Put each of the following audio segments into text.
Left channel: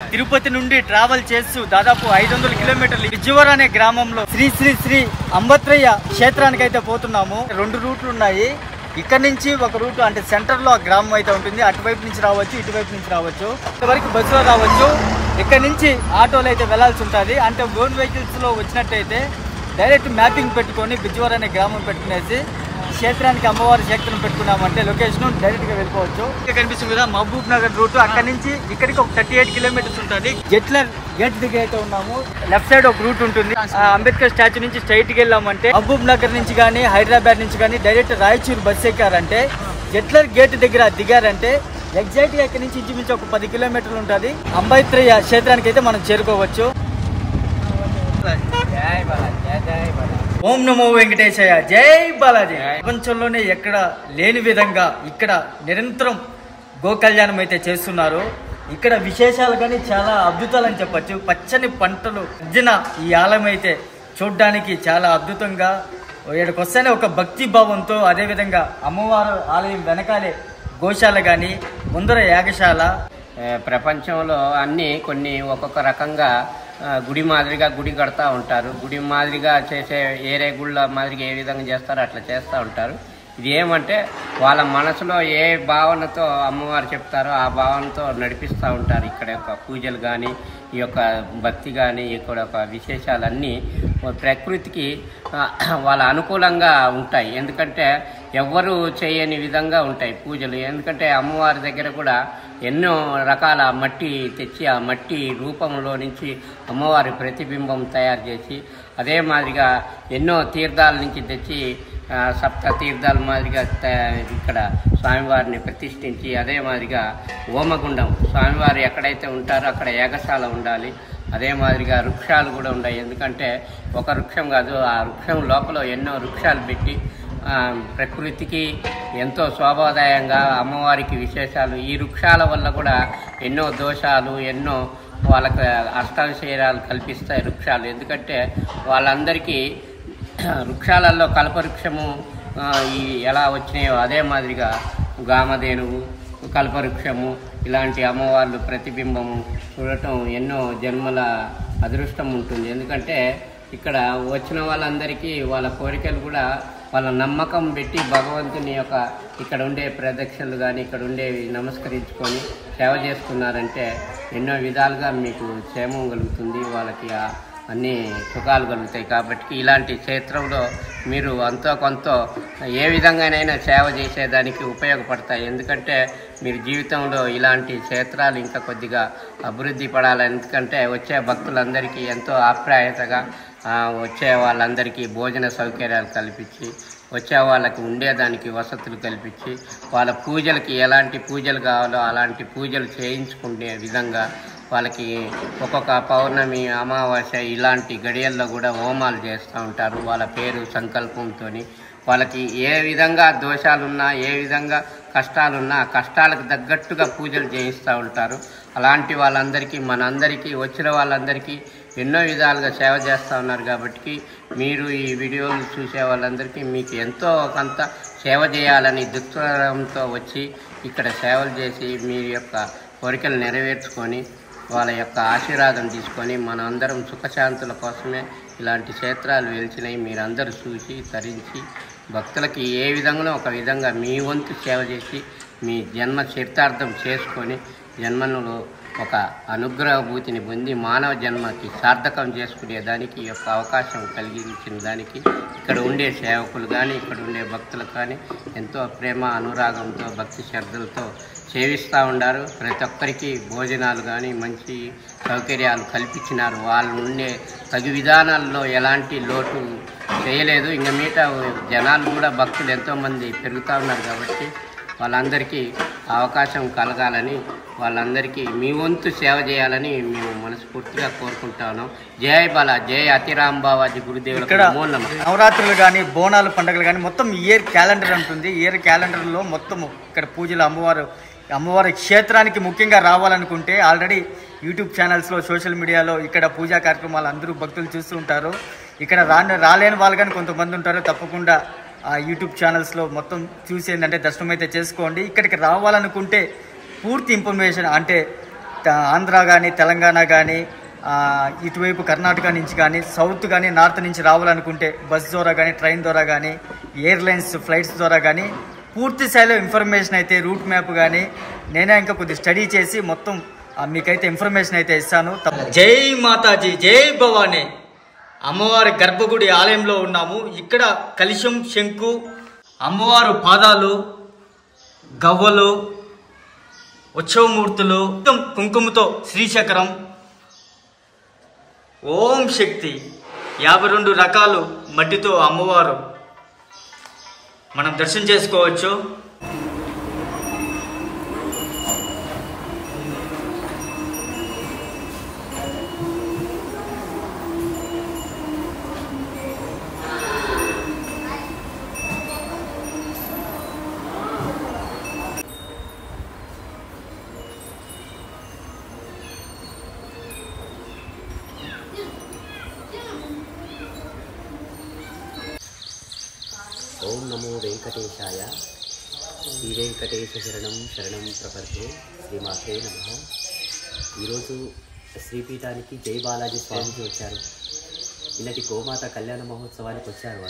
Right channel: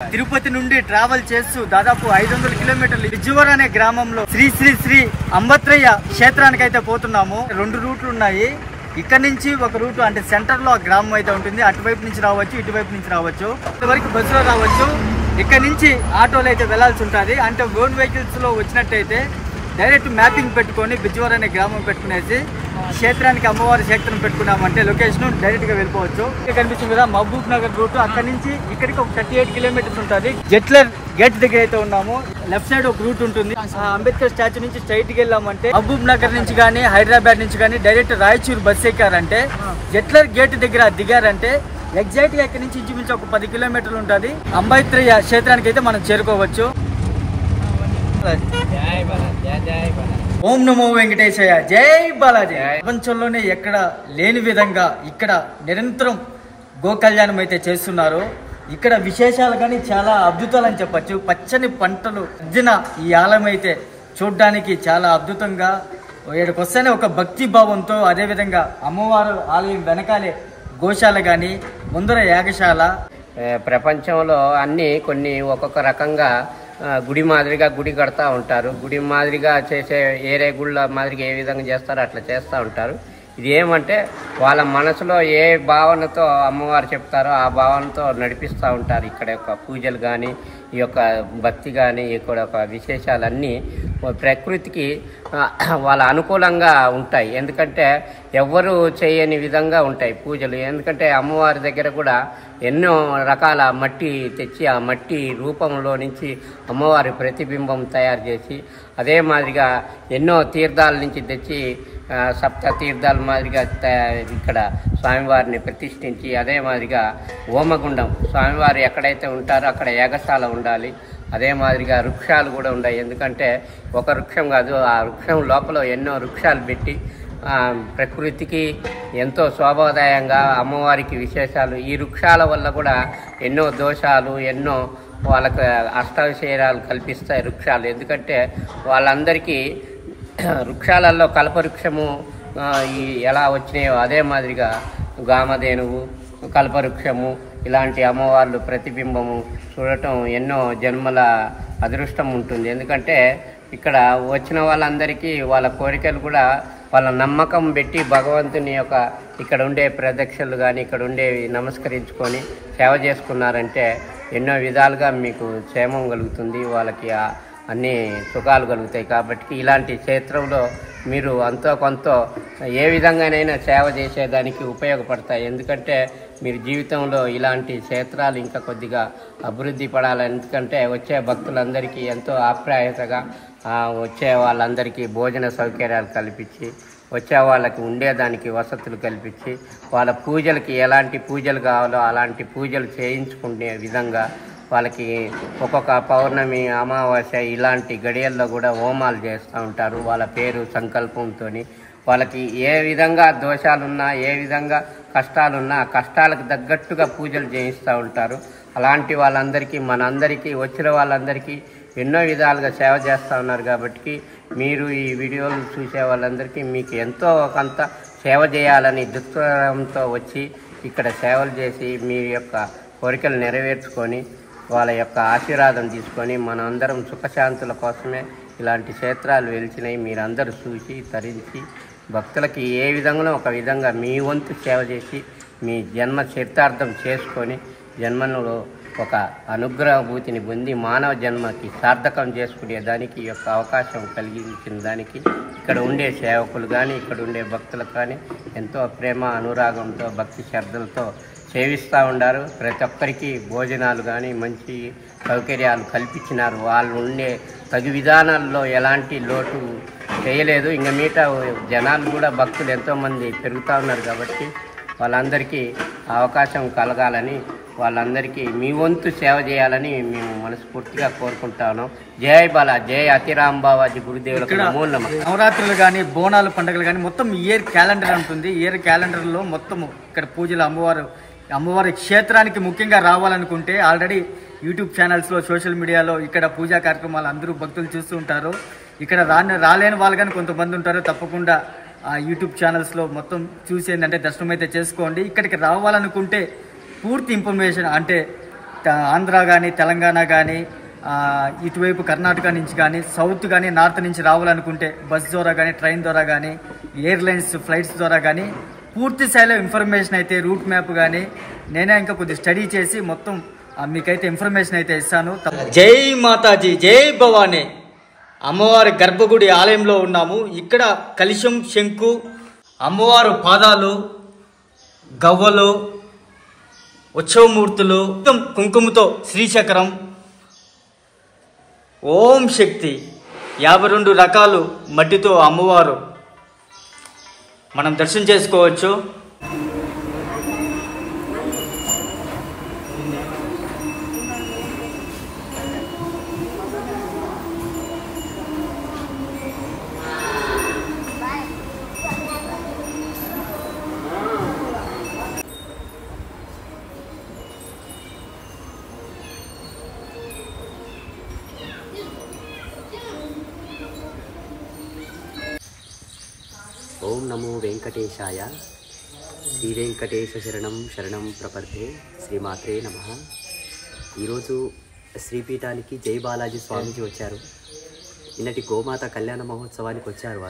తిరుపతి నుండి ట్రావెల్ చేస్తూ దాదాపు 500 కిలోమీటర్లు విజయవాడ అనే గ్రామంలో శ్రీ శ్రీ శ్రీ అంబత్రయ్య క్షేత్రానికి అయితే పోతున్నాము. 2 రూట్లు ఉన్నాయి. ఇక్కడ నుంచి ఒక రూట్ అంటే సెంటర్ లో ఆ గ్రామం అయితే ఉంటుంది. అటువైపు నుంచి రావచ్చు, ఇటువైపు నుంచి రావచ్చు. ఇంతవరకు బస్సులో రావచ్చు. ఇక్కడ నుంచి ఆటోలో అయితే వెళ్లాల్సి ఉంటుంది. అంటే ఓన్ వెహికల్స్ లో వచ్చినట్టయితే డైరెక్ట్ మ్యాపింగ్ పెట్టుకొని విజయవాడ అనే గ్రామం పెట్టుకునేసి క్షేత్రానికి అమ్మవారి క్షేత్రం పెట్టుకున్నామంటే లొకేషన్ డైరెక్ట్ గా వెళ్ళిపోవచ్చు. ఇక్కడ కనిపిస్తుంది కదా మహబూబ్ నగర్ రూట్. అక్కడ నుంచి ఇక్కడికి ఒక 38 కిలోమీటర్స్ ఉంటుంది. జెట్లర్ గేట్ దగ్గర అయితే ఉన్నాము. లెఫ్ట్ సైడ్ ఒక రూట్ ఉంటుంది. అంబేద్కర్ స్టాచ్యూ నుంచి స్ట్రైట్ కి వెళ్ళామంటే మహబూబ్ నగర్ నుంచి కానీ హైదరాబాద్ నుంచి కానీ డైరెక్ట్ రాయచూరు బస్ ఎక్కారంటే జెట్లర్ గేట్ దగ్గర దిగారంటే ఎగ్జాక్ట్ గా ఇక్కడ నుంచి ఇంచుమించు ఒక 10 కిలోమీటర్లు ఉంటుంది. అంబేద్కర్ క్షేత్రానికి అయితే మనం చేరుకోవచ్చు. ఓం నమో వెంకటేశయ్య, జై బాలాజీ. ప్రపంచంలోనే ఎక్కడ లేని విధంగా ఇక్కడ నిరంతరం గో కళ్యాణం అయితే చేస్తున్నారు. ఇక్కడ విశేషాలు కానీ చాలా అద్భుతాలని చెప్పచ్చు. పచ్చని పంటలు మధ్యన ఈ ఆలయం అయితే చూడ్డానికి చాలా అద్భుతంగా ఇక్కడికి వస్తేనే ఒక భక్తి భావంతో, అదేవిధంగా అమ్మవారు ఆలయం వెనకాలే గోశాల కానీ ముందర యాగశాల. ప్రపంచంలో అన్ని కొన్ని ఒక్కొక్క రకంగా గుడి మాదిరిగా గుడి కడతా ఉంటారు. గుడి మాదిరిగా చేసే ఏరే గుళ్ళ మాదిరిగా ఏ విధంగా చేస్తారో అట్లా చేస్తూ ఉంటారు. ఇది ఏమంటే వాళ్ళ మనసులో ఏ భావనతో అమ్మవారు చెప్తారో ఆ భావనతో నడిపిస్తూ ఉంటారు. ఇక్కడ యొక్క పూజలు కానీ, ఈ యొక్క భక్తి కానీ, ఇక్కడ ఒక విశేషాలన్నీ ప్రకృతికి వాళ్ళ అనుకూలంగా ఉంటాయి. ఎందుకంటే ఎవ్వరూ చేయని విధంగా ఉంటాయి పూజలు. ఎందుకంటే అమ్మవారి దగ్గర కూడా ఎన్నో రకాల మట్టి తెచ్చి ఆ మట్టి రూపంలో నుంచి అమ్మవారి ప్రతిబింబం తయారు చేసి, అదే మాదిరిగా ఎన్నో తీర్థాల నుంచి తెచ్చి సప్త తీర్థాల మాదిరిగా ఇక్కడ స్వామివారిని ప్రతిష్ఠించి, అదే మాదిరిగా హోమగుండం స్వామివారు ఎక్కడైతే ఉంటారో అక్కడ యాగశాల ఉండాలి. అదే మాదిరిగా వృక్షాలు కూడా ఉన్నాయి. ఎందుకంటే ఒక వృక్షం కాదు, ఆ వృక్షం లోపల ఎన్నో వృక్షాలు పెట్టి ప్రకృతికి ఎంతో శోభాదాయంగా అమ్మవారికి విశేషాలు. ఈ వృక్షాల వల్ల కూడా ఎన్నో దోషాలు, ఎన్నో వాళ్ళకు అష్టావిశేరాలు కల్పిస్తాయి వృక్షాలు. ఎందుకంటే వాళ్ళందరికీ వృక్షాలలో కల్పవృక్షము ఎలా వచ్చినాయో అదే మాదిరిగా గామధేనువు, కల్పవృక్షము ఇలాంటి అమ్మవార్లు ప్రతిబింబము చూడటం ఎన్నో జన్మల అదృష్టం ఉంటుంది. ఎందుకంటే ఇక్కడ వచ్చిన వాళ్ళందరికీ వాళ్ళ కోరికలు కూడా వాళ్ళ నమ్మకం పెట్టి భగవంతుని యొక్క ఇక్కడ ఉండే ప్రదక్షిణలు కానీ ఇక్కడ ఉండేవి నమస్కరించుకొని సేవ చేసుకున్నారంటే ఎన్నో విధాలుగా మీకు క్షేమం కలుగుతుంది, వాళ్ళకి అన్ని సుఖాలు కలుగుతాయి. కాబట్టి ఇలాంటి క్షేత్రంలో మీరు అంతో కొంత ఏ విధంగానైనా సేవ చేసేదానికి ఉపయోగపడతాయి. ఎందుకంటే మీరు జీవితంలో ఇలాంటి క్షేత్రాలు ఇంకా కొద్దిగా అభివృద్ధి పడాలి. ఎందుకంటే వచ్చే భక్తులందరికీ ఎంతో ఆప్యాయతగా వచ్చే వాళ్ళందరికీ భోజన సౌకర్యాలు కల్పించి, వచ్చే వాళ్ళకి ఉండేదానికి వసతులు కల్పించి, వాళ్ళ పూజలకి ఎలాంటి పూజలు కావాలో అలాంటి పూజలు చేయించుకునే విధంగా వాళ్ళకి ఒక్కొక్క పౌర్ణమి, అమావాస్య ఇలాంటి గడియల్లో కూడా హోమాలు చేస్తూ ఉంటారు. వాళ్ళ పేరు సంకల్పంతో వాళ్ళకి ఏ విధంగా దోషాలున్నా, ఏ విధంగా కష్టాలున్నా కష్టాలకు తగ్గట్టుగా పూజలు చేయిస్తూ ఉంటారు. అలాంటి వాళ్ళందరికీ మనందరికీ వచ్చిన వాళ్ళందరికీ ఎన్నో విధాలుగా సేవ చేస్తూ ఉన్నారు. కాబట్టి మీరు ఈ వీడియోలు చూసే వాళ్ళందరికీ మీకు ఎంతో కొంత సేవ చేయాలని దృక్పథంతో వచ్చి ఇక్కడ సేవలు చేసి మీ యొక్క కోరికలు నెరవేర్చుకొని వాళ్ళ యొక్క ఆశీర్వాదం తీసుకొని మనందరం సుఖశాంతుల కోసమే ఇలాంటి క్షేత్రాలు వెలిచినాయి. మీరందరూ చూసి తరించి భక్తులకి ఏ విధంగా ఒక విధంగా మీ వంతు సేవ చేసి మీ జన్మ చరితార్థం చేసుకొని జన్మలో ఒక అనుగ్రహభూతిని పొంది మానవ జన్మకి సార్థకం చేసుకునే దానికి యొక్క అవకాశం కలిగించిన దానికి ఇక్కడ ఉండే సేవకులు కానీ ఇక్కడ ఉండే భక్తులకు కానీ ఎంతో ప్రేమ అనురాగంతో భక్తి శ్రద్ధలతో సేవిస్తూ ఉన్నారు. ప్రతి ఒక్కరికి భోజనాలు కానీ మంచి సౌకర్యాలు కల్పించినారు. వాళ్ళు ఉండే తగు విధానాల్లో ఎలాంటి లోటు చేయలేదు. ఇంకా మిగతా జనాలు కూడా భక్తులు ఎంతోమంది పెరుగుతూ ఉన్నారు. కాబట్టి వాళ్ళందరికీ అవకాశం కలగాలని, వాళ్ళందరికీ మీ వంతు సేవ చేయాలని మేము మనస్ఫూర్తిగా కోరుకుంటా ఉన్నాం. జై బాలా, జై అతిరామ్ బావాజీ గురుదేవులకు నమో నమః. నవరాత్రులు కానీ, బోనాలు పండుగలు కానీ మొత్తం ఇయర్ క్యాలెండర్ ఉంటుంది. ఇయర్ క్యాలెండర్లో మొత్తము ఇక్కడ పూజలు అమ్మవారి క్షేత్రానికి ముఖ్యంగా రావాలనుకుంటే ఆల్రెడీ యూట్యూబ్ ఛానల్స్లో, సోషల్ మీడియాలో ఇక్కడ పూజా కార్యక్రమాలు అందరూ భక్తులు చూస్తూ ఉంటారు. ఇక్కడ రాలేని వాళ్ళు కానీ కొంతమంది ఉంటారు. తప్పకుండా ఆ యూట్యూబ్ ఛానల్స్లో మొత్తం చూసి ఏంటంటే దర్శనం అయితే చేసుకోండి. ఇక్కడికి రావాలనుకుంటే పూర్తి ఇన్ఫర్మేషన్ అంటే ఆంధ్ర కానీ తెలంగాణ కానీ ఇటువైపు కర్ణాటక నుంచి కానీ సౌత్ కానీ నార్త్ నుంచి రావాలనుకుంటే బస్ ద్వారా కానీ ట్రైన్ ద్వారా కానీ ఎయిర్లైన్స్ ఫ్లైట్స్ ద్వారా కానీ పూర్తి స్థాయిలో ఇన్ఫర్మేషన్ అయితే రూట్ మ్యాప్ కానీ నేనే ఇంకా కొద్దిగా స్టడీ చేసి మొత్తం మీకైతే ఇన్ఫర్మేషన్ అయితే ఇస్తాను. జై మాతాజీ, జై భవానీ. అమ్మవారి గర్భగుడి ఆలయంలో ఉన్నాము. ఇక్కడ కలశం, శంకు, అమ్మవారు పాదాలు, గవ్వలు, ఉత్సవమూర్తులు, కుంకుమతో శ్రీచక్రం, ఓం శక్తి, 52 రకాలు మట్టితో అమ్మవారు మనం దర్శనం చేసుకోవచ్చు. ఓం నమో వెంకటేశాయ. శ్రీ వెంకటేశ శరణం శరణం ప్రపద్యే. శ్రీమాత్రే నమః. ఈరోజు శ్రీపీఠానికి జై బాలాజీ స్వామీజీ వచ్చారు. నిన్నటి గోమాత కళ్యాణ మహోత్సవానికి వచ్చారు.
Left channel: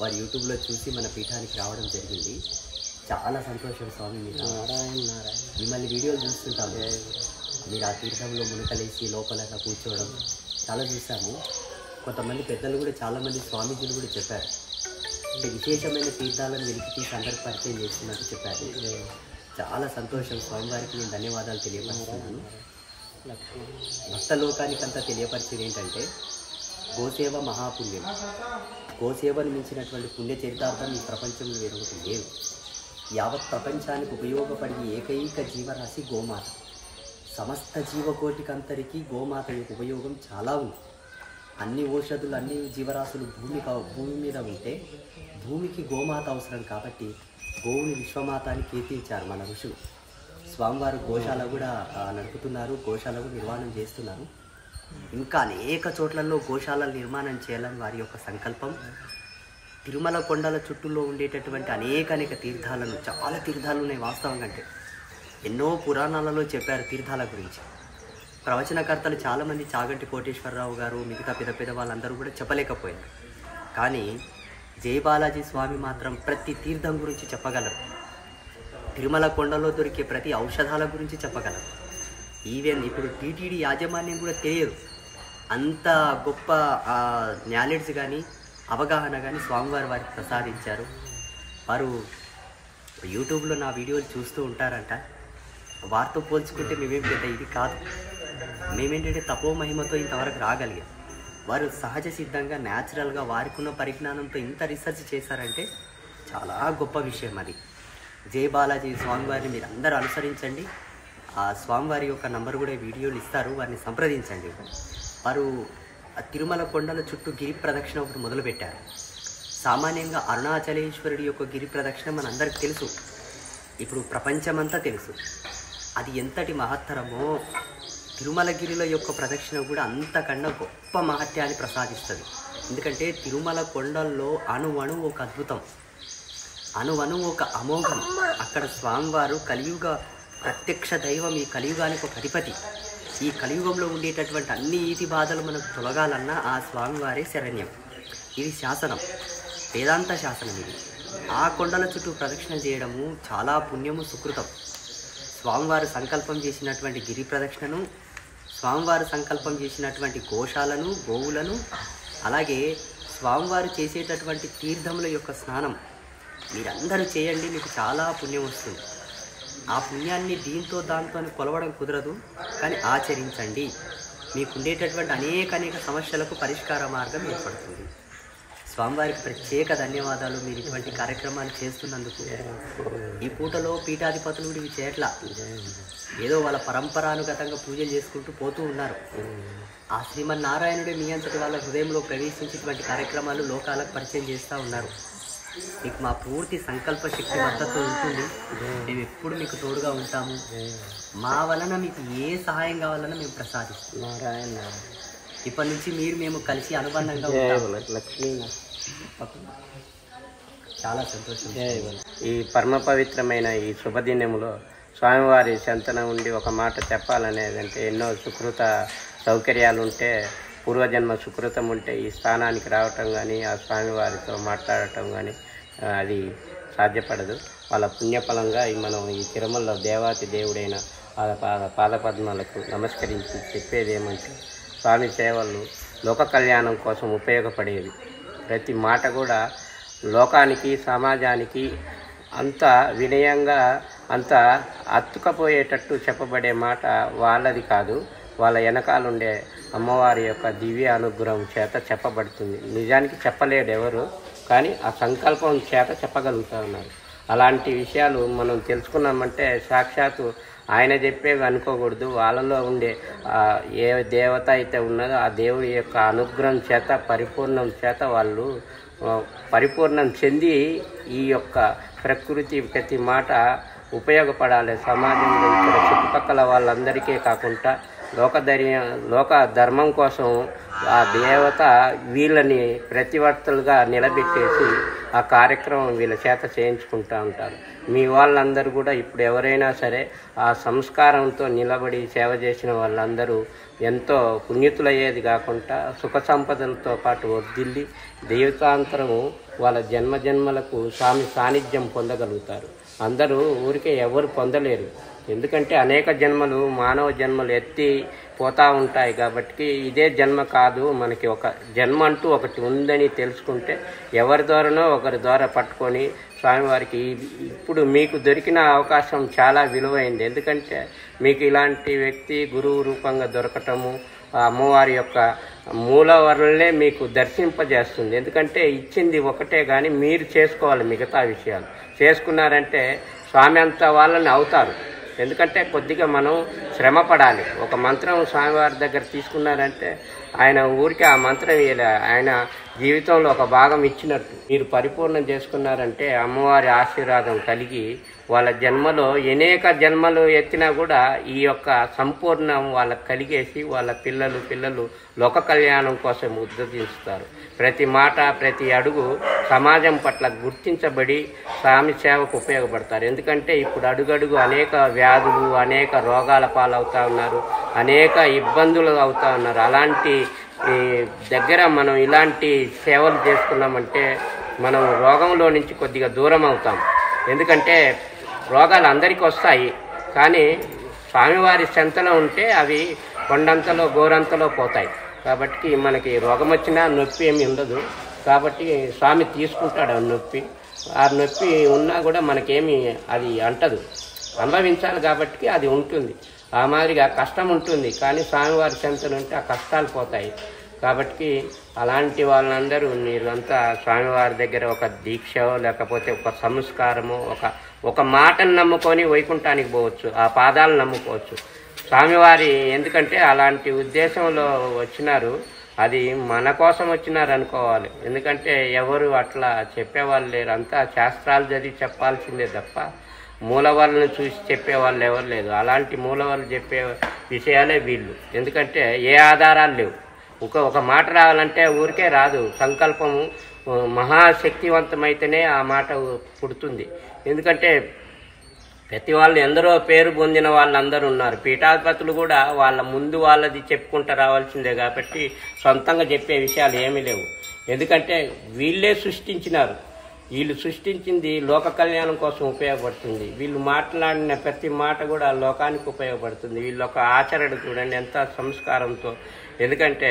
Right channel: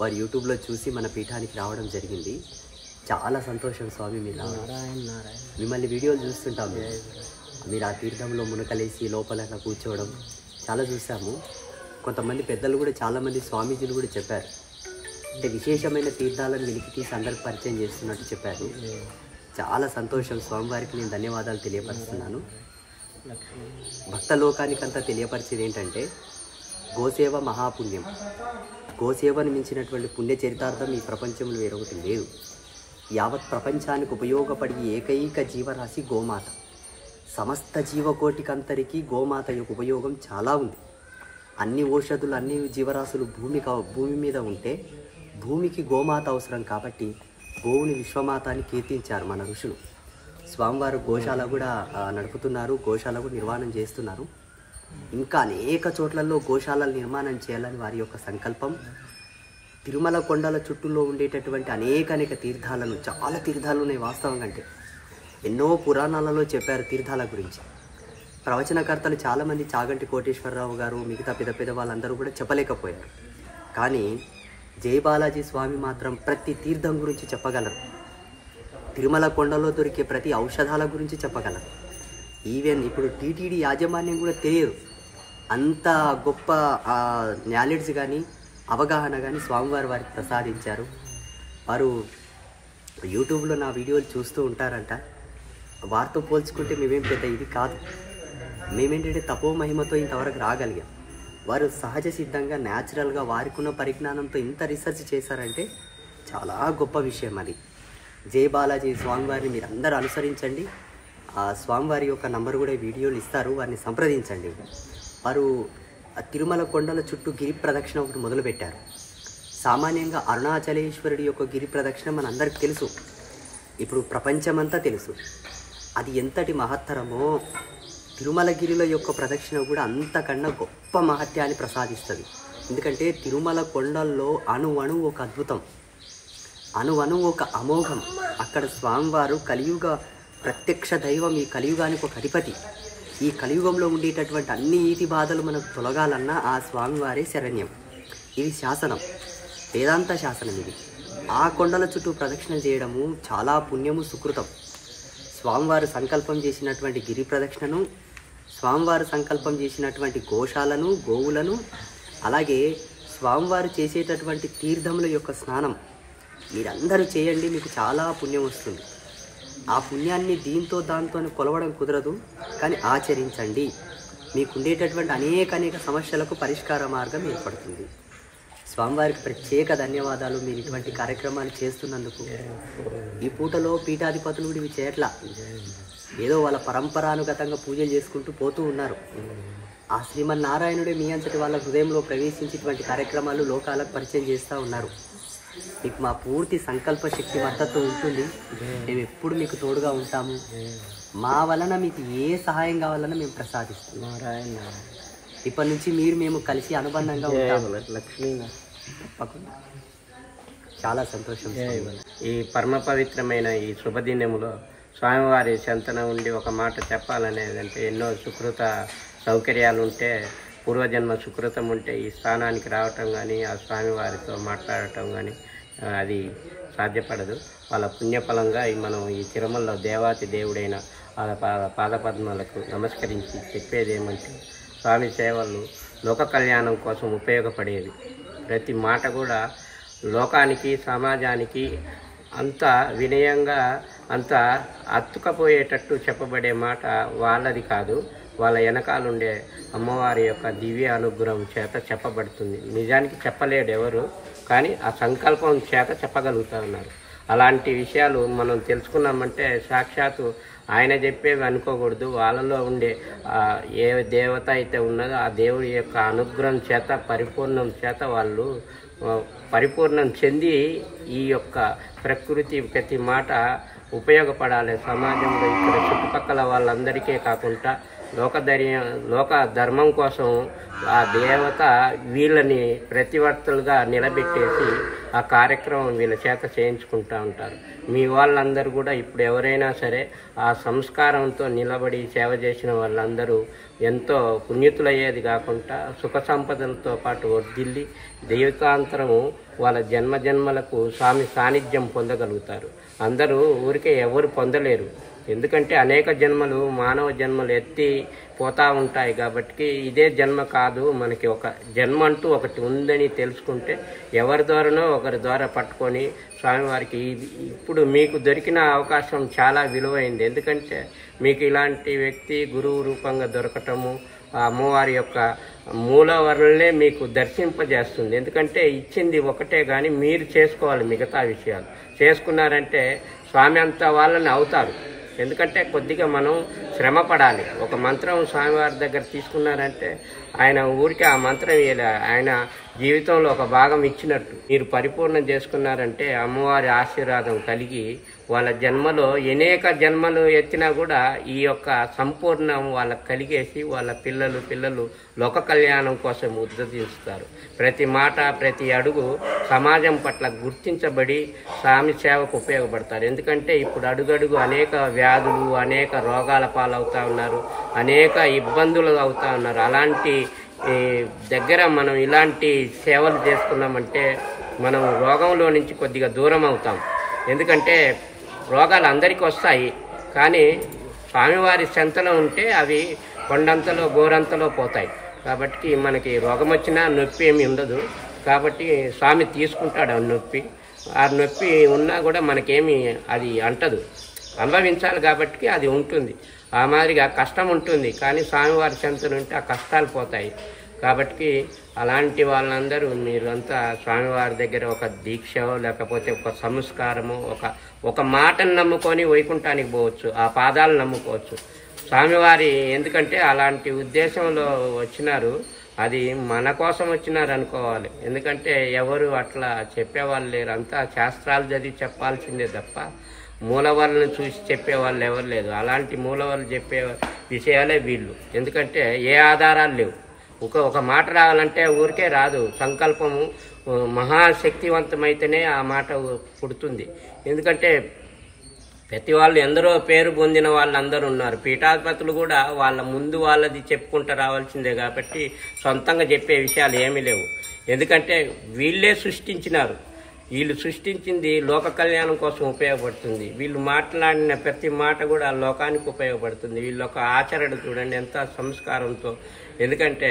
వారు యూట్యూబ్లో చూసి మన పీఠానికి రావడం జరిగింది. చాలా సంతోషం స్వామి, మీరు మిమ్మల్ని వీడియోలు చూస్తుంటాము. మీరు ఆ తీర్థంలో మునకలేసి లోపల కూర్చోవడం చాలా చూసాము. కొంతమంది పెద్దలు కూడా, చాలామంది స్వామీజీలు కూడా చెప్పారు, అంటే విశేషమైన తీర్థాలను వెలికి తీసి అందరికి పరిచయం చేస్తున్నట్టు చెప్పారు. చాలా సంతోషం. స్వామివారికి నేను ధన్యవాదాలు తెలియపరుస్తున్నాను. భక్త లోకానికంతా తెలియపరిచేది ఏంటంటే గోసేవ మహాపుణ్యం. గోసేవను మించినటువంటి పుణ్య చరితార్థం ఈ ప్రపంచంలో వేరొకటి లేదు. యావత్ ప్రపంచానికి ఉపయోగపడే ఏకైక జీవరాశి గోమాత. సమస్త జీవకోటికంతరికి గోమాత యొక్క ఉపయోగం చాలా ఉంది. అన్ని ఔషధులు, అన్ని జీవరాశులు భూమి మీద ఉంటే భూమికి గోమాత అవసరం. కాబట్టి గోవుని విశ్వమాత అని కీర్తించారు మన ఋషులు. స్వామివారు గోశాల కూడా నడుపుతున్నారు, గోశాల కూడా నిర్మాణం చేస్తున్నారు. ఇంకా అనేక చోట్లలో గోశాలలు నిర్మాణం చేయాలని వారి యొక్క సంకల్పం. తిరుమల కొండల చుట్టూలో ఉండేటటువంటి అనేక తీర్థాలను, చాలా తీర్థాలు ఉన్నాయి వాస్తవంగా. అంటే ఎన్నో పురాణాలలో చెప్పారు తీర్థాల గురించి. ప్రవచనకర్తలు చాలామంది, చాగంటి కోటేశ్వరరావు గారు, మిగతా పెద్ద వాళ్ళందరూ కూడా చెప్పలేకపోయారు. కానీ జై బాలాజీ స్వామి మాత్రం ప్రతి తీర్థం గురించి చెప్పగలరు. తిరుమల కొండలో దొరికే ప్రతి ఔషధాల గురించి చెప్పగలరు. ఈవెన్ ఇప్పుడు టీటీడీ యాజమాన్యం కూడా తెలియదు. అంత గొప్ప నాలెడ్జ్ కానీ అవగాహన కానీ స్వామివారు వారికి ప్రసాదించారు. వారు యూట్యూబ్లో నా వీడియోలు చూస్తూ ఉంటారంట. వారితో పోల్చుకుంటే మేమేం పెద్ద ఇది కాదు. మేమేంటంటే తపో మహిమతో ఇంతవరకు రాగలిగాం. వారు సహజ సిద్ధంగా, న్యాచురల్గా వారికున్న పరిజ్ఞానంతో ఇంత రీసెర్చ్ చేశారంటే చాలా గొప్ప విషయం అది. జై బాలాజీ స్వామివారిని మీరు అందరూ అనుసరించండి. ఆ స్వామివారి యొక్క నంబర్ కూడా వీడియోలు ఇస్తారు, వారిని సంప్రదించండి. వారు తిరుమల కొండల చుట్టూ గిరి ప్రదక్షిణ ఒకటి మొదలుపెట్టారు. సామాన్యంగా అరుణాచలేశ్వరుడి యొక్క గిరి ప్రదక్షిణ మనందరికీ తెలుసు, ఇప్పుడు ప్రపంచమంతా తెలుసు. అది ఎంతటి మహత్తరమో తిరుమలగిరిలో యొక్క ప్రదక్షిణ కూడా అంతకన్నా గొప్ప మహత్యాన్ని ప్రసాదిస్తుంది. ఎందుకంటే తిరుమల కొండల్లో అణువణు ఒక అద్భుతం, అణువణు ఒక అమోఘం. అక్కడ స్వామివారు కలియుగ ప్రత్యక్ష దైవం, ఈ కలియుగానికి ఒక అధిపతి. ఈ కలియుగంలో ఉండేటటువంటి అన్ని ఈతి బాధలు మనకు తొలగాలన్నా ఆ స్వామివారే శరణ్యం. ఇది శాసనం, వేదాంత శాసనం. ఇది ఆ కొండల చుట్టూ ప్రదక్షిణ చేయడము చాలా పుణ్యము, సుకృతం. స్వామివారు సంకల్పం చేసినటువంటి గిరి ప్రదక్షిణను, స్వామివారు సంకల్పం చేసినటువంటి గోశాలను, గోవులను, అలాగే స్వామివారు చేసేటటువంటి తీర్థముల యొక్క స్నానం మీరందరూ చేయండి. మీకు చాలా పుణ్యం వస్తుంది. ఆ పుణ్యాన్ని దీంతో దాంతో కొలవడం కుదరదు, కానీ ఆచరించండి. మీకు ఉండేటటువంటి అనేక సమస్యలకు పరిష్కార మార్గం ఏర్పడుతుంది. స్వామివారికి ప్రత్యేక ధన్యవాదాలు. మీరు ఇటువంటి కార్యక్రమాలు చేస్తున్నందుకు. ఈ పూటలో పీఠాధిపతులు ఇవి చేయట్లా, ఏదో వాళ్ళ పరంపరానుగతంగా పూజలు చేసుకుంటూ పోతూ ఉన్నారు. ఆ శ్రీమన్నారాయణుడే మీ అంతటి వాళ్ళ హృదయంలో ప్రవేశించి ఇటువంటి కార్యక్రమాలు లోకాలకు పరిచయం చేస్తూ ఉన్నారు. మీకు మా పూర్తి సంకల్ప శక్తి మద్దతు ఉంటుంది. మేము ఎప్పుడు మీకు తోడుగా ఉంటాము. మా వలన మీకు ఏ సహాయం కావాలన్నా మేము ప్రసాదిస్తాం. ఇప్పటి నుంచి మేము కలిసి అనుబంధంగా ఉంటాము. లక్ష్మీ చాలా సంతోషం. ఈ పరమ పవిత్రమైన ఈ శుభదినములో స్వామివారి చెంతన ఉండి ఒక మాట చెప్పాలనేదంటే ఎన్నో సుకృత సౌకర్యాలు ఉంటే, పూర్వజన్మ సుకృతం ఉంటే ఈ స్థానానికి రావటం కానీ, ఆ స్వామివారితో మాట్లాడటం కానీ అది సాధ్యపడదు. వాళ్ళ పుణ్యఫలంగా మనం ఈ తిరుమలలో దేవాతి దేవుడైన పాదపద్మాలకు నమస్కరించి చెప్పేది ఏమంటే, స్వామి సేవలు లోక కళ్యాణం కోసం ఉపయోగపడేవి. ప్రతి మాట కూడా లోకానికి, సమాజానికి అంత వినయంగా, అంత అత్తుకపోయేటట్టు చెప్పబడే మాట వాళ్ళది కాదు, వాళ్ళ వెనకాలండే అమ్మవారి యొక్క దివ్య అనుగ్రహం చేత చెప్పబడుతుంది. నిజానికి చెప్పలేడు ఎవరు, కానీ ఆ సంకల్పం చేత చెప్పగలుగుతూ ఉన్నారు. అలాంటి విషయాలు మనం తెలుసుకున్నామంటే సాక్షాత్తు ఆయన చెప్పేవి అనుకోకూడదు. వాళ్ళలో ఉండే ఏ దేవత అయితే ఉన్నదో ఆ దేవుడి యొక్క అనుగ్రహం చేత, పరిపూర్ణం చేత వాళ్ళు పరిపూర్ణం చెంది ఈ యొక్క ప్రకృతి ప్రతి మాట ఉపయోగపడాలి. సమాజంలో ఇక్కడ చుట్టుపక్కల వాళ్ళందరికీ కాకుండా లోక ధర్మం కోసం ఆ దేవత వీళ్ళని ప్రతివర్తలుగా నిలబెట్టేసి ఆ కార్యక్రమం వీళ్ళ చేత చేయించుకుంటూ ఉంటారు. మీ వాళ్ళందరూ కూడా ఇప్పుడు ఎవరైనా సరే ఆ సంస్కారంతో నిలబడి సేవ చేసిన వాళ్ళందరూ ఎంతో పుణ్యతులయ్యేది కాకుండా సుఖ సంపదలతో పాటు వర్ధిల్లి దైవతాంతరము వాళ్ళ జన్మజన్మలకు స్వామి సాన్నిధ్యం పొందగలుగుతారు. అందరూ ఊరికే ఎవరు పొందలేరు. ఎందుకంటే అనేక జన్మలు, మానవ జన్మలు ఎత్తి పోతూ ఉంటాయి. కాబట్టి ఇదే జన్మ కాదు, మనకి ఒక జన్మ అంటూ ఒకటి ఉందని తెలుసుకుంటే ఎవరి ద్వారానో ఒకరి ద్వారా పట్టుకొని స్వామివారికి ఇప్పుడు మీకు దొరికిన అవకాశం చాలా విలువైంది. ఎందుకంటే మీకు ఇలాంటి వ్యక్తి గురువు రూపంగా దొరకటము అమ్మవారి యొక్క మూలవరులనే మీకు దర్శింపజేస్తుంది. ఎందుకంటే ఇచ్చింది ఒకటే, కానీ మీరు చేసుకోవాలి. మిగతా విషయాలు చేసుకున్నారంటే స్వామి అంత వాళ్ళని అవుతారు. ఎందుకంటే కొద్దిగా మనం శ్రమ పడాలి. ఒక మంత్రం స్వామివారి దగ్గర తీసుకున్నారంటే ఆయన ఊరికి ఆ మంత్రం ఆయన జీవితంలో ఒక భాగం ఇచ్చినట్టు. మీరు పరిపూర్ణం చేసుకున్నారంటే అమ్మవారి ఆశీర్వాదం కలిగి వాళ్ళ జన్మలో అనేక జన్మలు ఎత్తినా కూడా ఈ యొక్క సంపూర్ణం వాళ్ళకి కలిగేసి వాళ్ళ పిల్లలు లోక కళ్యాణం కోసం ఉద్ధరించుతారు. ప్రతి మాట, ప్రతి అడుగు సమాజం పట్ల గుర్తించబడి స్వామి సేవకు ఉపయోగపడతారు. ఎందుకంటే ఇప్పుడు అడుగడుగు అనేక వ్యాధులు, అనేక రోగాల పాలవుతూ ఉన్నారు, అనేక ఇబ్బందులు అవుతూ ఉన్నారు. అలాంటి దగ్గర మనం ఇలాంటి సేవలు చేసుకున్నామంటే మనం రోగంలో నుంచి కొద్దిగా దూరం అవుతాం. ఎందుకంటే రోగాలు అందరికీ వస్తాయి, కానీ స్వామివారి చెంతలో ఉంటే అవి కొండంతలో గోరంతలో పోతాయి. కాబట్టి మనకి రోగం వచ్చినా నొప్పి ఏమి ఉండదు. కాబట్టి స్వామి తీసుకుంటాడు ఆ నొప్పి. ఆ నొప్పి ఉన్నా కూడా మనకేమి అది అంటదు, అనుభవించాలి కాబట్టి అది ఉంటుంది. ఆ మాదిరిగా కష్టం ఉంటుంది, కానీ స్వామివారి చెంతలో ఉంటే ఆ కష్టాలు పోతాయి. కాబట్టి అలాంటి వాళ్ళందరూ మీరంతా స్వామివారి దగ్గర ఒక దీక్ష, లేకపోతే ఒక సంస్కారము, ఒక మాటను నమ్ముకొని వైకుంఠానికి పోవచ్చు, ఆ పాదాలను నమ్ముకోవచ్చు. స్వామివారి ఎందుకంటే అలాంటి ఉద్దేశంలో వచ్చినారు, అది మన కోసం వచ్చినారు అనుకోవాలి. ఎందుకంటే ఎవరు అట్లా చెప్పేవాళ్ళు లేరు, అంతా శాస్త్రాలు చదివి చెప్పాల్సిందే తప్ప మూలవాళ్ళని చూసి చెప్పేవాళ్ళు ఎవరు లేదు. అలాంటి మూలవాళ్ళు చెప్పే విషయాలే వీళ్ళు. ఎందుకంటే ఏ ఆధారాలు లేవు. ఒక మాట రావాలంటే ఊరికే రాదు. సంకల్పము మహాశక్తివంతమైతేనే ఆ మాట పుడుతుంది. ఎందుకంటే ప్రతి వాళ్ళు ఎందరో పేరు పొందిన వాళ్ళందరూ ఉన్నారు. పీఠాధిపతులు కూడా వాళ్ళ ముందు వాళ్ళది చెప్పుకుంటూ రావాల్సిందే. కాబట్టి సొంతంగా చెప్పే విషయాలు ఏమీ లేవు. ఎందుకంటే వీళ్ళే సృష్టించినారు. వీళ్ళు సృష్టించింది లోక కళ్యాణం కోసం ఉపయోగపడుతుంది. వీళ్ళు మాట్లాడిన ప్రతి మాట కూడా లోకానికి ఉపయోగపడుతుంది. వీళ్ళ ఒక ఆచరణ చూడండి ఎంత సంస్కారంతో. ఎందుకంటే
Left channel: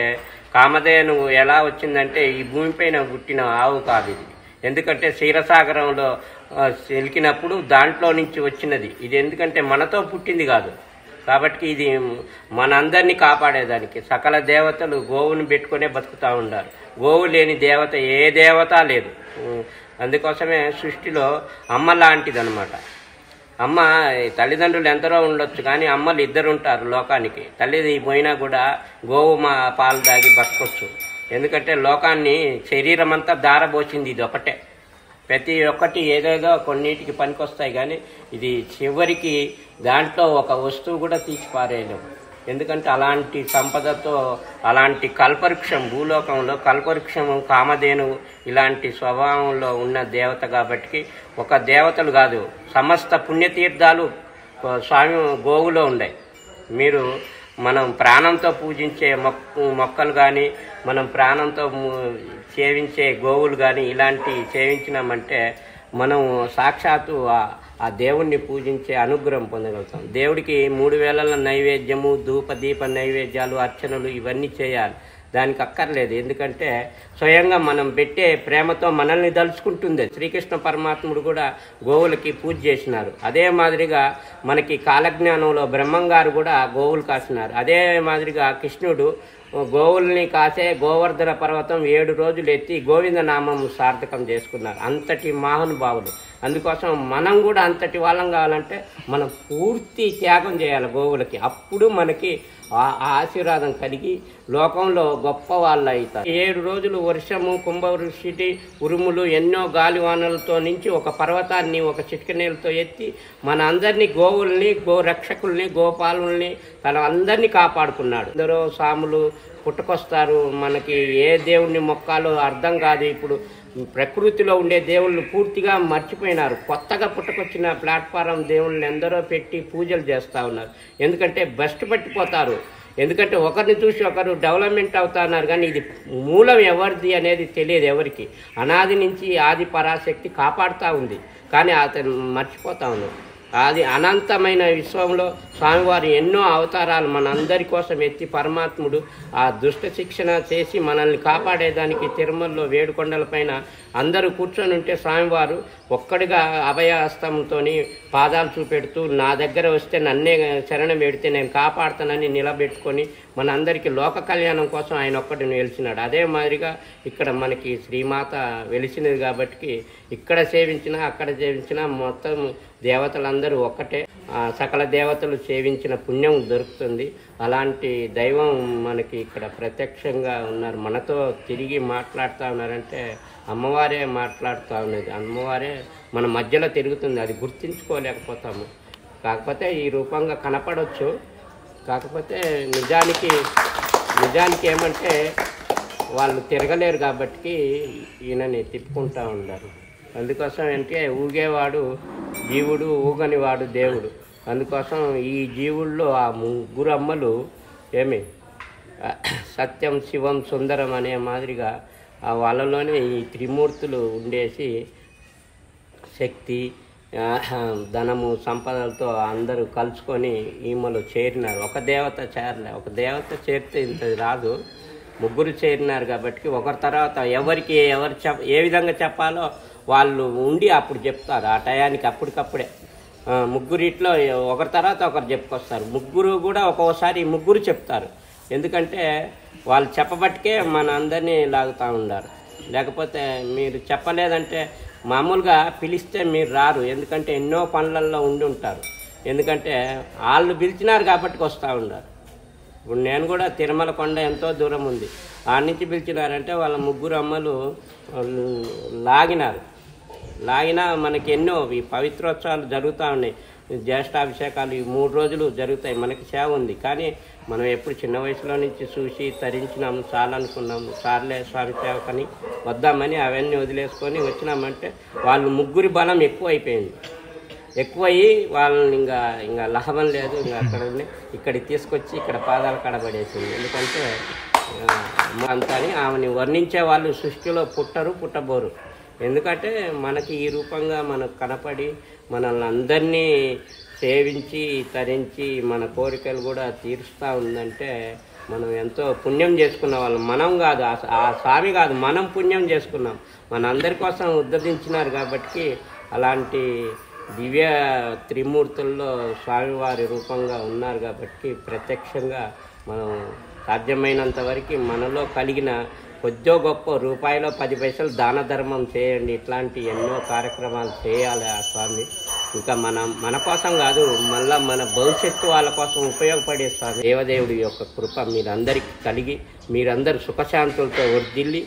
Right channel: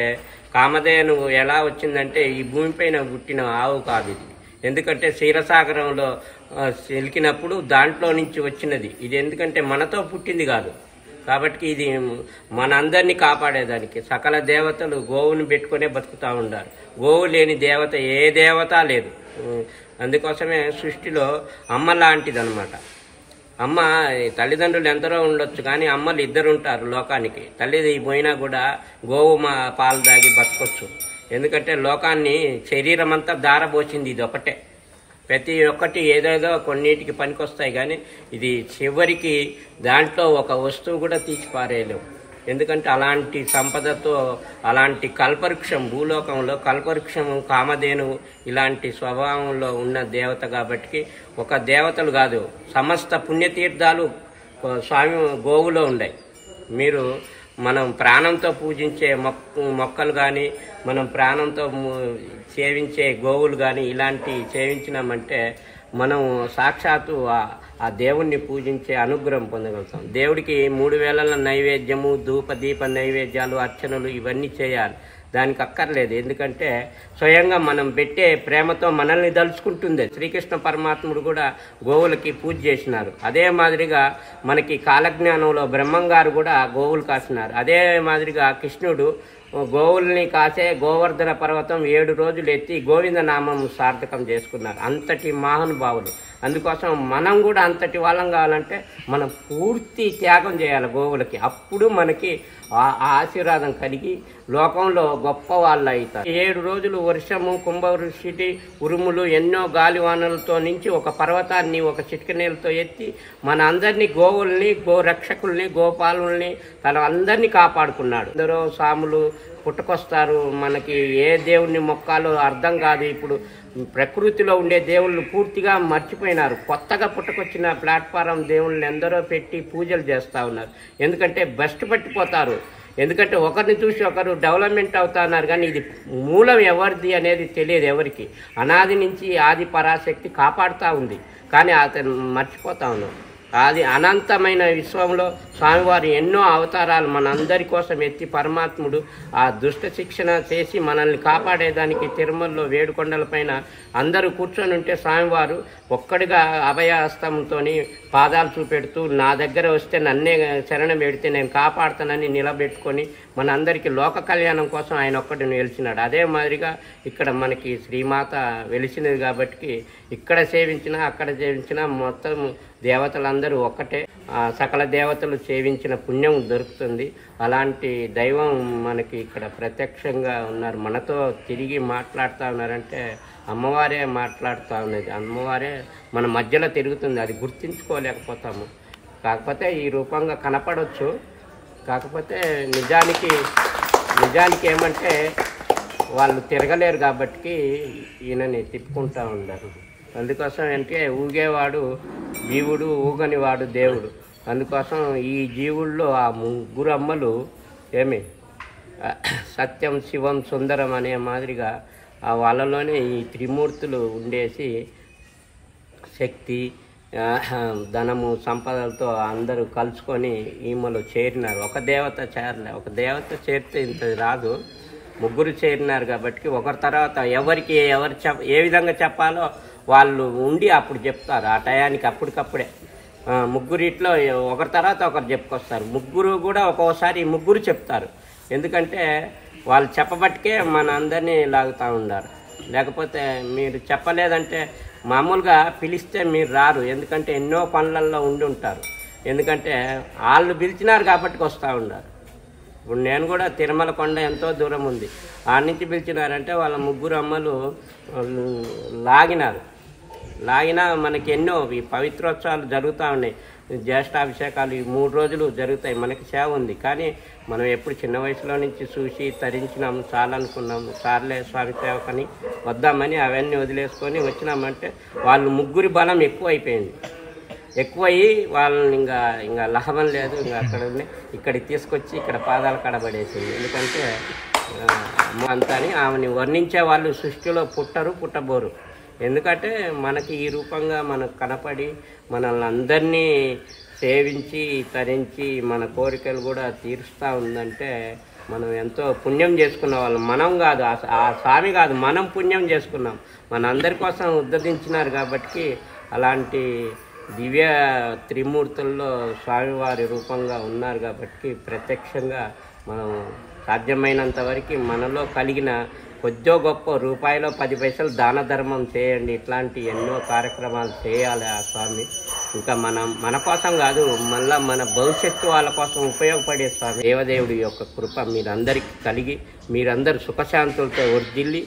కామధేను ఎలా వచ్చిందంటే ఈ భూమిపైన పుట్టిన ఆవు కాదు ఇది. ఎందుకంటే క్షీరసాగరంలో వెలికినప్పుడు దాంట్లో నుంచి వచ్చినది ఇది. ఎందుకంటే మనతో పుట్టింది కాదు. కాబట్టి ఇది మనందరినీ కాపాడేదానికి సకల దేవతలు గోవుని పెట్టుకునే బతుకుతూ ఉన్నారు. గోవు లేని దేవత ఏ దేవత లేదు. అందుకోసమే సృష్టిలో అమ్మ లాంటిది అనమాట. అమ్మ తల్లిదండ్రులు ఎందరో ఉండొచ్చు, కానీ అమ్మలు ఇద్దరు ఉంటారు లోకానికి. తల్లి పోయినా కూడా గోవు మా పాలు దాగి బతకొచ్చు. ఎందుకంటే లోకాన్ని శరీరం అంతా దారబోసింది ఇది ఒకటే. ప్రతి ఒక్కటి ఏదేదో కొన్నిటికి పనికొస్తాయి, కానీ ఇది చివరికి దాంట్లో ఒక వస్తువు కూడా తీసి పారేయలేము. ఎందుకంటే అలాంటి సంపదతో అలాంటి కల్పవృక్షం భూలోకంలో కల్పవృక్షం కామధేను ఇలాంటి స్వభావంలో ఉన్న దేవత. కాబట్టి ఒక దేవతలు కాదు, సమస్త పుణ్యతీర్థాలు స్వామి గోవులో ఉండే. మీరు మనం ప్రాణంతో పూజించే మొక్కలు కానీ, మనం ప్రాణంతో సేవించే గోవులు కానీ ఇలాంటి సేవించినామంటే మనం సాక్షాత్తు ఆ దేవుణ్ణి పూజించే అనుగ్రహం పొందగలుగుతాం. దేవుడికి 3 వేళల నైవేద్యము, ధూప దీప నైవేద్యాలు, అర్చనలు ఇవన్నీ చేయాలి. దానికి అక్కర్లేదు. ఎందుకంటే స్వయంగా మనం పెట్టే ప్రేమతో మనల్ని దలుచుకుంటుంది. శ్రీకృష్ణ పరమాత్ముడు కూడా గోవులకి పూజ చేసినారు. అదే మాదిరిగా మనకి కాలజ్ఞానంలో బ్రహ్మంగారు కూడా గోవులు కాసినారు. అదే మాదిరిగా కృష్ణుడు గోవుల్ని కాసే గోవర్ధన పర్వతం 7 రోజులు ఎత్తి గోవింద నామం సార్థకం చేసుకున్నారు. అంతటి మహానుభావులు. అందుకోసం మనం కూడా అంతటి వాళ్ళం కావాలంటే మనం పూర్తి త్యాగం చేయాలి గోవులకి. అప్పుడు మనకి ఆ ఆశీర్వాదం కలిగి లోకంలో గొప్ప వాళ్ళు అవుతారు. 7 రోజులు వర్షము, కుంభవృష్టి, ఉరుములు, ఎన్నో గాలివానలతో నుంచి ఒక పర్వతాన్ని ఒక చిటికనీళ్ళతో ఎత్తి మన అందరినీ, గోవుల్ని, గోరక్షకుల్ని, గోపాలుల్ని తన అందరినీ కాపాడుకున్నాడు. అందరూ సాములు పుట్టుకొస్తారు. మనకి ఏ దేవుణ్ణి మొక్కాలో అర్థం కాదు. ఇప్పుడు ప్రకృతిలో ఉండే దేవుళ్ళు పూర్తిగా మర్చిపోయినారు. కొత్తగా పుట్టుకొచ్చిన ప్లాట్ఫారం దేవుళ్ళని ఎందరో పెట్టి పూజలు చేస్తూ ఉన్నారు. ఎందుకంటే బెస్ట్ పట్టిపోతారు. ఎందుకంటే ఒకరిని చూసి ఒకరు డెవలప్మెంట్ అవుతున్నారు, కానీ ఇది మూలం ఎవరిది అనేది తెలియదు ఎవరికి. అనాది నుంచి ఆది పరాశక్తి కాపాడుతూ ఉంది, కానీ అతను మర్చిపోతా ఉన్నాం. అది అనంతమైన విశ్వంలో స్వామివారు ఎన్నో అవతారాలు మనందరి కోసం ఎత్తి పరమాత్ముడు ఆ దుష్ట శిక్షణ చేసి మనల్ని కాపాడేదానికి తిరుమలలో వేడుకొండలపైన అందరూ కూర్చొని ఉంటే స్వామివారు ఒక్కడిగా అభయహస్తంతో పాదాలు చూపెడుతూ నా దగ్గర వస్తే నన్నే శరణం పెడితే నేను కాపాడుతానని నిలబెట్టుకొని మన అందరికీ లోక కళ్యాణం కోసం ఆయన ఒక్కడిని వెలిచినాడు. అదే మాదిరిగా ఇక్కడ మనకి శ్రీమాత వెలిసినది కాబట్టి ఇక్కడ సేవించినా అక్కడ సేవించినా మొత్తం దేవతలందరూ ఒక్కటే. సకల దేవతలు సేవించిన పుణ్యం దొరుకుతుంది. అలాంటి దైవం మనకి ఇక్కడ ప్రత్యక్షంగా ఉన్నారు. మనతో తిరిగి మాట్లాడుతూ ఉన్నారంటే అమ్మవారే మాట్లాడుతూ ఉన్నది. అమ్మవారే మన మధ్యలో తిరుగుతుంది. అది గుర్తించుకోలేకపోతాము. కాకపోతే ఈ రూపంగా కనపడవచ్చు. కాకపోతే నిజానికి ఏమంటే వాళ్ళు తిరగలేరు కాబట్టి ఈయనని తిప్పుకుంటూ ఉంటారు. అందుకోసం అంటే ఊగేవాడు జీవుడు, ఊగనివాడు దేవుడు. అందుకోసం ఈ జీవుల్లో ఆ 3 అమ్మలు ఏమి సత్యం, శివం, సుందరం అనే మాదిరిగా ఆ వాళ్ళలోనే ఈ త్రిమూర్తులు ఉండేసి శక్తి, ధనము, సంపదలతో అందరూ కలుసుకొని ఈమెలో చేరినారు. ఒక దేవత చేరలే. ఒక దేవత చేరితే ఇంత రాదు. 3 చేరినారు కాబట్టి ఒకరి తర్వాత ఎవరికి ఏ విధంగా చెప్పాలో వాళ్ళు ఉండి అప్పుడు చెప్తారు. ఆ టయానికి అప్పటికప్పుడే 3 ఒకరి తర్వాత ఒకరు చెప్పుకొస్తారు. 3 కూడా ఒక్కోసారి 3 చెప్తారు. ఎందుకంటే వాళ్ళు చెప్పబట్టికే మన అందరినీ లాగుతూ ఉన్నారు. లేకపోతే మీరు చెప్పలేదంటే మామూలుగా పిలిస్తే మీరు రారు. ఎందుకంటే ఎన్నో పనులలో ఉండి ఉంటారు. ఎందుకంటే వాళ్ళు పిలిచినారు కాబట్టి వస్తూ ఉన్నారు. ఇప్పుడు నేను కూడా తిరుమల కొండ ఎంతో దూరం ఉంది, ఆ నుంచి పిలిచినారంటే వాళ్ళ 3 అమ్మలు లాగినా మనకి ఎన్నో ఈ పవిత్రోత్సవాలు జరుగుతూ ఉన్నాయి. జ్యేష్ఠాభిషేకాలు ఈ 3 రోజులు జరుగుతాయి. మనకి సేవ ఉంది. కానీ మనం ఎప్పుడు చిన్న వయసులో నుంచి చూసి తరించినాము, చాలనుకున్నాము, సార్లే స్వామి సేవకని వద్దామని అవన్నీ వదిలేసుకొని వచ్చినామంటే వాళ్ళు 3 బలం ఎక్కువయ్యి వాళ్ళని ఇంకా లాభం లేదు. ఇంకా ఇక్కడికి తీసుకొచ్చి ఇక్కడ పాదాలు కడబడేసింది. ఎందుకంటే అంతని ఆమెని వర్ణించే వాళ్ళు సృష్టిలో పుట్టబోరు. ఎందుకంటే మనకి ఈ రూపంగా మనకు కనపడి మనల్ని అందరినీ సేవించి తరించి మన కోరికలు కూడా తీరుస్తూ ఉందంటే మనం ఎంతో పుణ్యం చేసుకున్న వాళ్ళం. మనం కాదు, ఆ స్వామి కాదు, మనం పుణ్యం చేసుకున్నాం. మన అందరి కోసం ఉద్ధరించినారు కాబట్టి అలాంటి దివ్య త్రిమూర్తుల్లో స్వామివారి రూపంగా ఉన్నారు కాబట్టి ప్రత్యక్షంగా మనం సాధ్యమైనంత వరకు మనలో కలిగిన కొద్దో గొప్ప రూపాయలో 10 పైసలు దాన ధర్మం చేయండి. ఇట్లాంటి ఎన్నో కార్యక్రమాలు చేయాలి ఆ స్వామి. ఇంకా మన కోసం కాదు, మళ్ళీ మన భవిష్యత్తు వాళ్ళ కోసం ఉపయోగపడే స్వామి. దేవదేవుడి యొక్క కృప మీరందరికీ కలిగి మీరందరూ సుఖశాంతులతో వర్ధిల్లి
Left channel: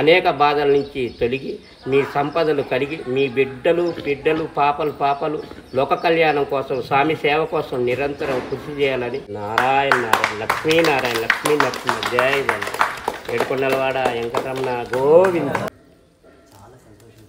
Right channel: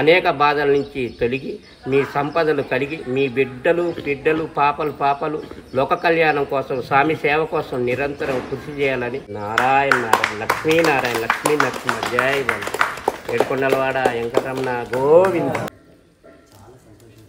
అనేక బాధల నుంచి తొలగి మీ సంపదలు కలిగి మీ బిడ్డలు పాపలు లోక కళ్యాణం కోసం స్వామి సేవ కోసం నిరంతరం కృషి చేయాలని నారాయణ లక్ష్మీ నరసింహ జయ జయ ఏడుకొండలవాడ వెంకటరమణ గోవింద. చాలా సంతోషం.